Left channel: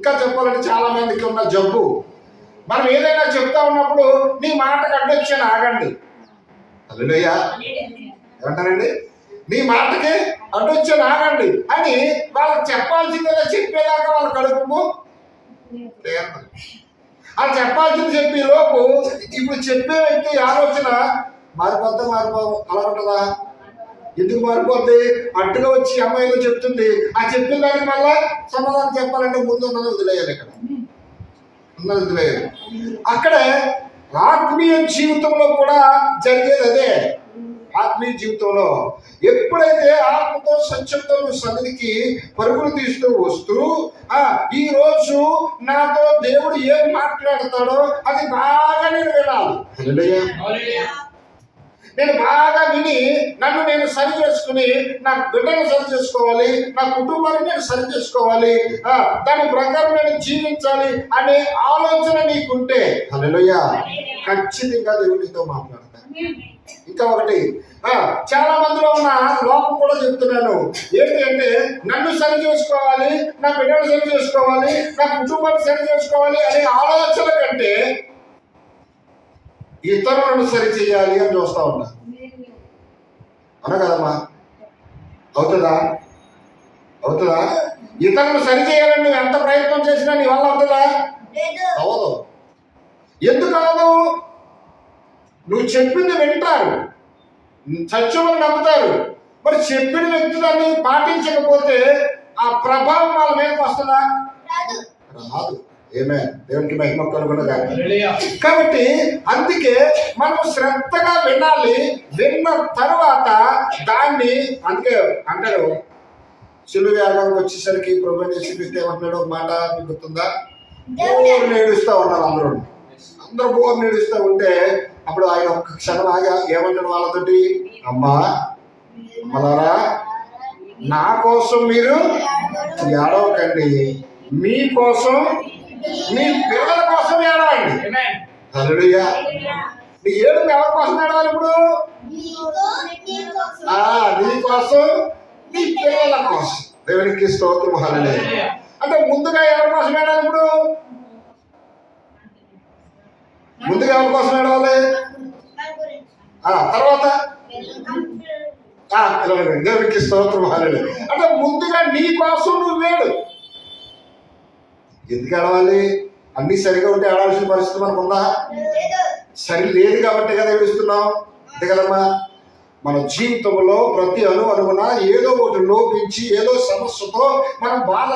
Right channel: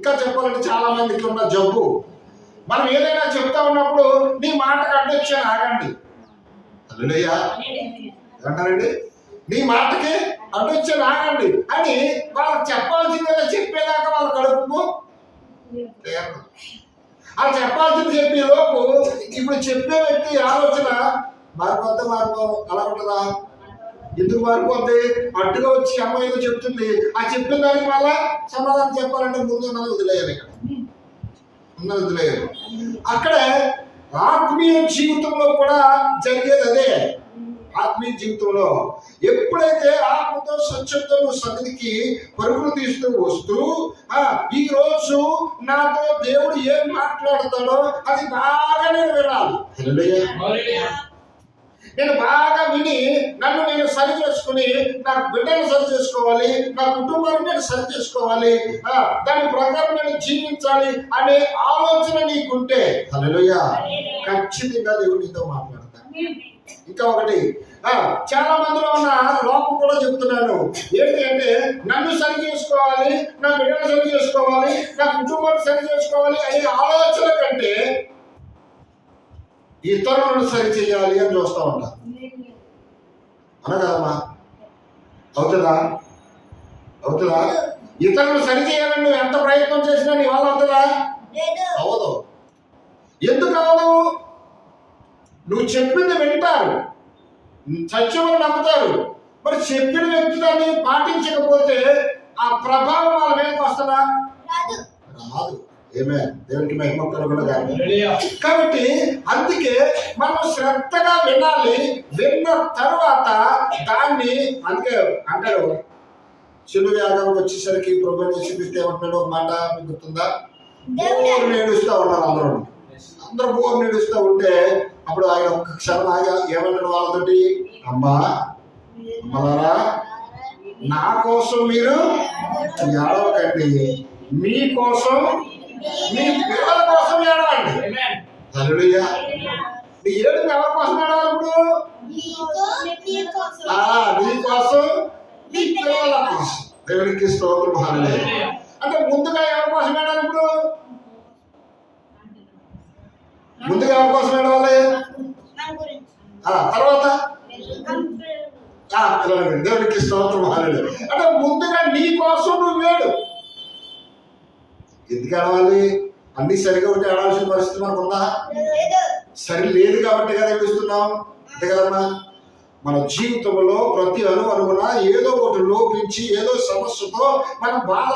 ఇంకా చెప్పాలంటే చాలా మందికి ఉన్న జబ్బు, మనం ఏదైనా చెప్తా ఉన్నప్పుడు నీ మాటకు అడ్డొచ్చాను ఆగండి. హల్లెలూయా ఏమంటారండి? నీ మాటకి అడ్డొచ్చాను ఆగండి అని వాళ్ళకి చెప్పాల్సిందేదో చెప్పేదాకా వాళ్ళ కడుపు ఆ చెప్పాల్సింది చెప్పే లోపు ఇప్పుడు చెప్పే వ్యక్తి ఆలోచన మారిపోవు అలా ఉంటుందా? ఎందుకు మారిపోద్ది? అట్టుగా వచ్చి అమ్మాయి ఏదో చెప్తుంది, ఆ చెప్పిన దానికి మళ్ళా సమాధానం చెప్పాలంటే ముందు ఉన్నది వదిలేయాలి. ఇక్కడ ఉన్నది వదిలేయాలి. అక్కడే ఆత్మీయ జీవితంలో కూడా జరిగేది అదే. ఆత్మీయ జీవితంలో ఎప్పుడైతే ఆత్మతో సత్యంతో నువ్వు సన్నిధికి పరుగులు తీస్తూ వస్తూ ఈ రోజు నాతో దేవుడు ఏం మాట్లాడతాడో అది బాగా నేను వినాలి. నేను బాగా విని నన్ను నేను సరి చేసుకుని నా బిడ్డను సరి చేసుకోవాలి, నా కుటుంబాన్ని నేను సరి చేసుకోవాలి, దాని ప్రకారం నేను జీవించాలి అనే ఆలోచన నీకుంటే హల్లెలూయా ఖచ్చితంగా దేవుడు నీతో మాట్లాడతాడు. ఇంకా ఒకటి, చాలా మందిలో ఉన్న లోపం కూడా చెప్తున్నాను ఏంటి అంటే, నన్ను సరి చేసుకోవాలి, నా బిడ్డను సరి చేసుకోవాలి, నా కుటుంబాన్ని సరి చేసుకోవాలి అనే ఆలోచన కంటే ఇతరులను సరి చేయాలి అని చూస్తూ ఉంటారు. అవునా కదమ్మా? అవుతుందా? ఇతరులను సరి చేయాలని నువ్వు ఎంత ప్రయత్నం చేసినా నీ వల్ల అవుతుందా? అవదు. ఎందుకు అవదు? నువ్వు చెప్పింది వింటారు, సత్యమని నమ్ముతారు. మరి చెప్పిన వ్యక్తి దాన్ని పాటించకపోతే ఆ ప్రభావం వాళ్ళ మీదకి వస్తుందా? రాదు. ఏమే దేవునికి మహిమ కలుగునగా. కాబట్టి అందుకే మనం శ్రద్ధగా వినాలి. విన్న తర్వాత దాన్ని అందుకే అంటారు, శిలువ యాగానికి వచ్చేసరికి ప్రభు యేసుక్రీస్తు ఏమంటున్నాడు ఒక మాట మీకు గుర్తుందా? బోర్ నేడుస్తూ ఉన్నారు అందరూ బోర్ నేడుస్తూ ఉంటే అప్పుడు ఆయన ఒక్క క్షణం ఆగా ఏమంటాడు వాళ్ళతోటి, అమ్మలారా నా కోసం మీరు ఏడవకండి, మీకోసం మీ పిల్లల కోసం ఏడవండి. హల్లెలూయా. నీ ఏడుపు ఎవరి కోసం ఏడవాలి? ఇప్పుడు నీ కోసం, నీ పిల్లల కోసం. దేవునికి స్తోత్రం. హల్లెలూయా. అంటే ముందుగా ఎవరి కోసం ఏడాలి? ఇప్పుడు ముందుగా ఎవరి కోసం ఏడవాలి? తర్వాత దేవునికి స్తోత్రం. హల్లెలూయా. అంటే ముందుగా నీ కోసం నువ్వు వేడు. ఎందుకు ఏడవాలి? అన్ని సరిగా ఉంటే ఏడాల్సిన పరిస్థితి మనకు ఉందా? సరి లేదు కాబట్టి కదా ఏడుస్తున్నాం. అంతే కదమ్మా? మన జీవితంలో ప్రతి అణువున ఏదో ఒకటి లోపించి ఏదో సమస్యతో మనం బాధ